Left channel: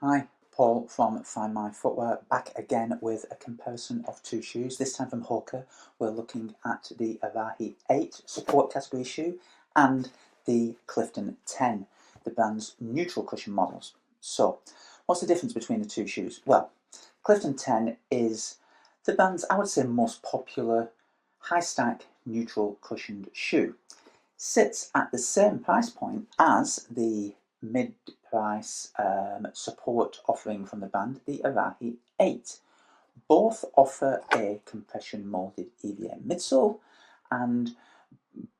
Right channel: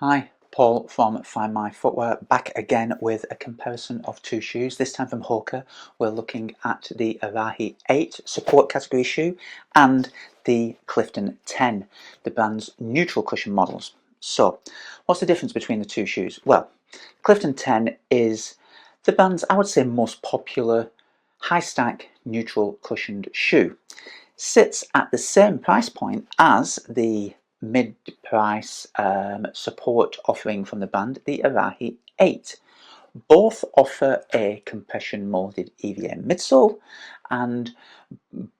Hi, Paul from Find My Footwear, back again with a comparison of two shoes. This time from Hoka, we're looking at the Arahi 8 support category shoe and the Clifton 10, the brand's neutral cushion models. So, what's the difference between the two shoes? Well, Clifton 10 is the brand's, I would say, most popular high stack neutral cushioned shoe. Sits at the same price point as the mid-price support offering from the brand, the Arahi 8. Both offer a compression molded EVA midsole and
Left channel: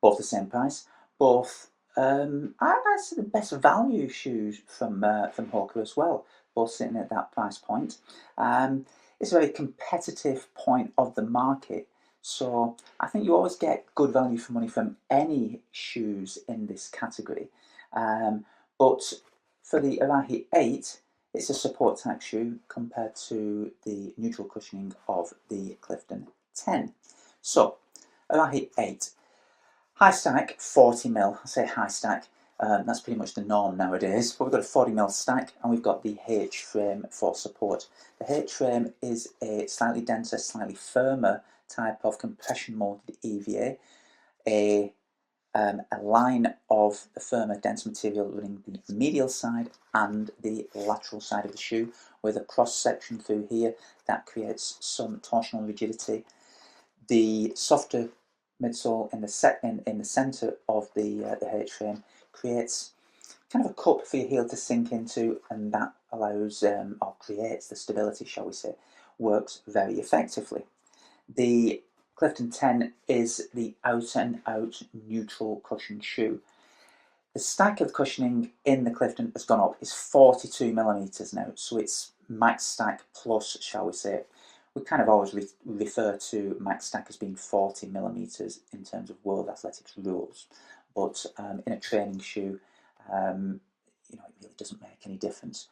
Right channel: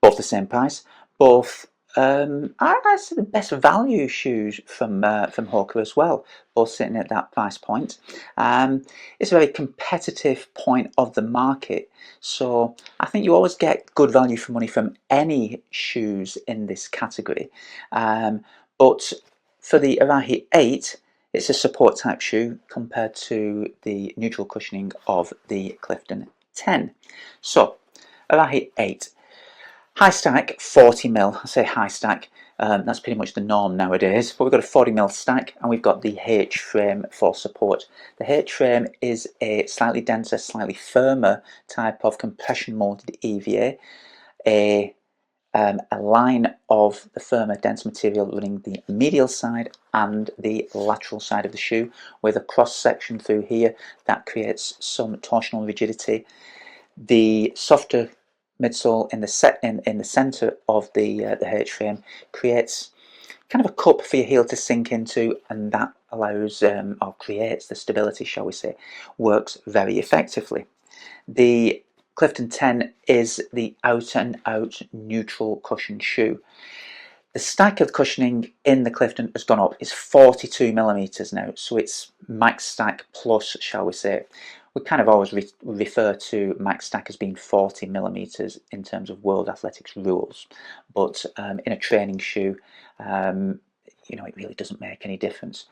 both the same price. Both I say the best value shoes from Hoka as well, both sitting at that price point. It's a very competitive point of the market, so I think you always get good value for money from any shoes in this category. But for the Arahi 8, it's a support type shoe compared to the neutral cushioning of the Clifton 10. So, Arahi 8. High stack, 40mm. I say high stack, that's pretty much the norm nowadays. But we've got a 40mm stack and we've got the H frame for support. The H frame is a slightly denser, slightly firmer type of compression molded EVA. A line of the firmer, dense material running the medial side and the lateral side of the shoe, with a cross section through here that creates some torsional rigidity. The softer midsole in the center of the H frame creates kind of a cup for your heel to sink into, and that allows or creates the stability, shall we say, works very effectively. The Clifton 10 is the out and out neutral cushion shoe. The stack of cushioning in the Clifton has gone up. It's 42mm now, so it's max stack plus, shall we say. We kind of always refer to max stack as being 40mm in terms of World Athletics rules, but in a training shoe, it really doesn't make any difference.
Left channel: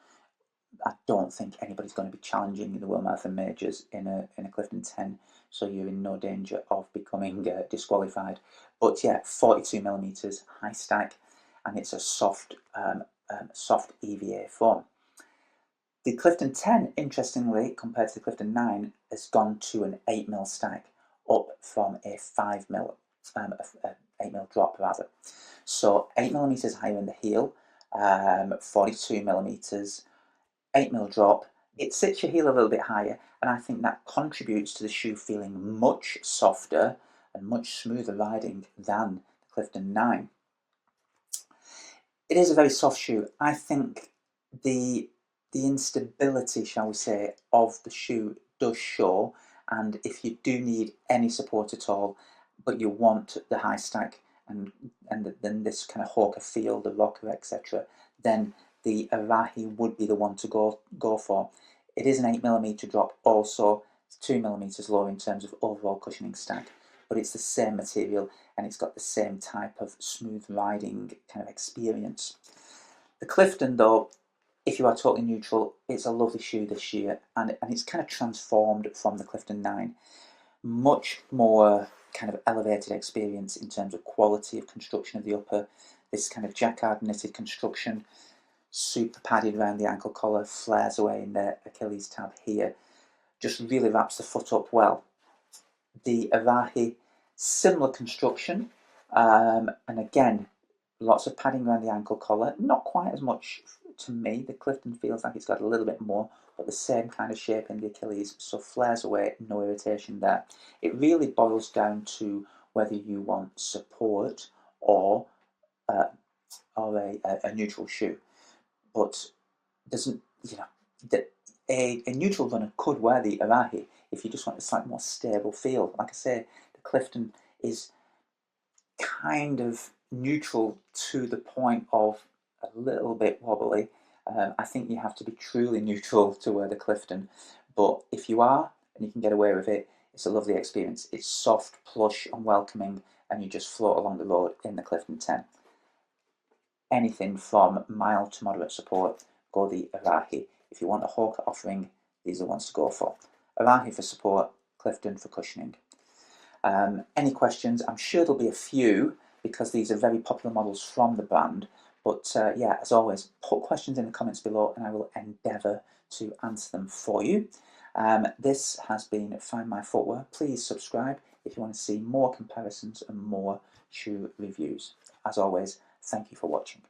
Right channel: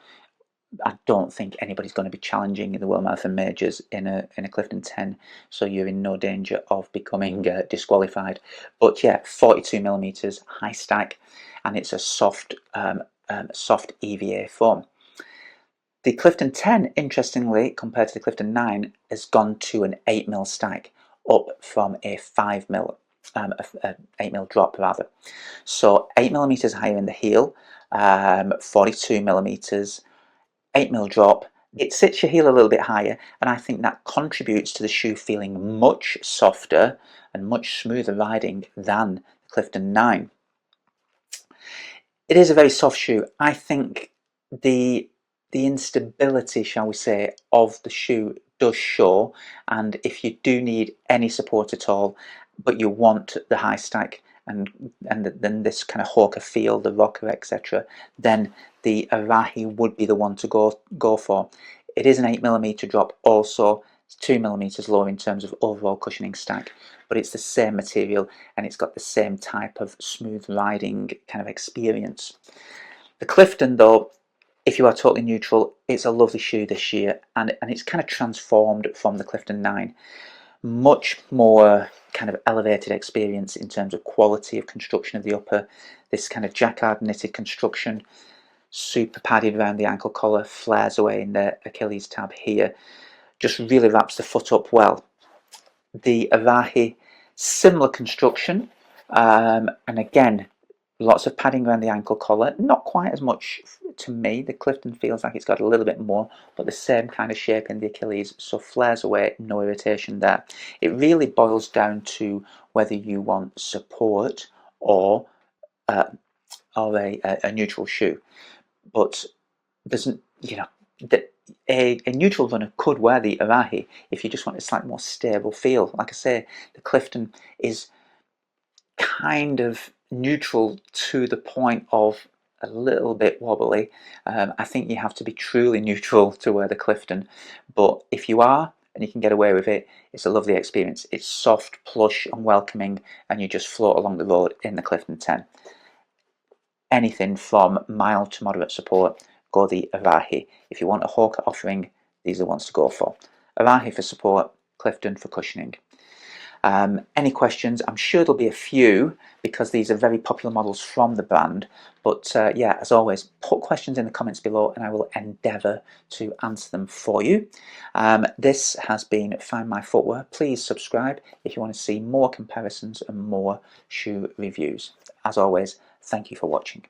I don't think anybody's going to be challenging in the World Marathon Majors in a Clifton 10, so you're in no danger of becoming disqualified. But yeah, 42mm high stack, and it's a soft EVA foam. The Clifton 10, interestingly, compared to the Clifton 9, has gone to an 8mm stack, up from a 5mm, 8mm drop rather. So 8mm higher in the heel, 42mm, 8mm drop. It sits your heel a little bit higher, and I think that contributes to the shoe feeling much softer and much smoother riding than the Clifton 9. It is a very soft shoe. I think the instability, shall we say, of the shoe does show, and if you do need any support at all, but you want the high stack and then this kind of Hoka feel, the rocker, etc., then the Arahi would be the one to go for. It is an 8mm drop also. It's 2mm lower in terms of overall cushioning stack, but it's the same material and it's got the same type of smooth riding kind of experience. The Clifton, though, if you are totally neutral, it's a lovely shoe this year, and it's kind of transformed from the Clifton 9. Much more kind of elevated experience in terms of quality of construction of the upper, this kind of jacquard knitted construction, super padded around the ankle collar, flares away in the Achilles tab here, just really wraps the foot up well. The Arahi, similar construction, and again, lots of padding around the ankle collar, not quite as much to me. The Clifton feels like it's got a little bit more, but the same kind of shape in the Achilles, so flares away, no irritation there. It really boils down to whether you want support or a neutral shoe. But there's, a neutral runner could wear the Arahi if you just want a slightly more stable feel. Like I say, the Clifton is kind of neutral to the point of a little bit wobbly. I think you have to be truly neutral to wear the Clifton, but if you are and you can get away with it, it's a lovely experience. It's soft, plush and welcoming, and you just float along the road in the Clifton 10. Anything from mild to moderate support, go the Arahi. If you want a Hoka offering, these are the ones to go for. Arahi for support, Clifton for cushioning. Any questions? I'm sure there'll be a few because these are very popular models from the brand. But yeah, as always, put questions in the comments below and I will endeavour to answer them for you. This has been Find My Footwear. Please subscribe if you want to see more comparisons and more shoe reviews. As always, thank you for watching.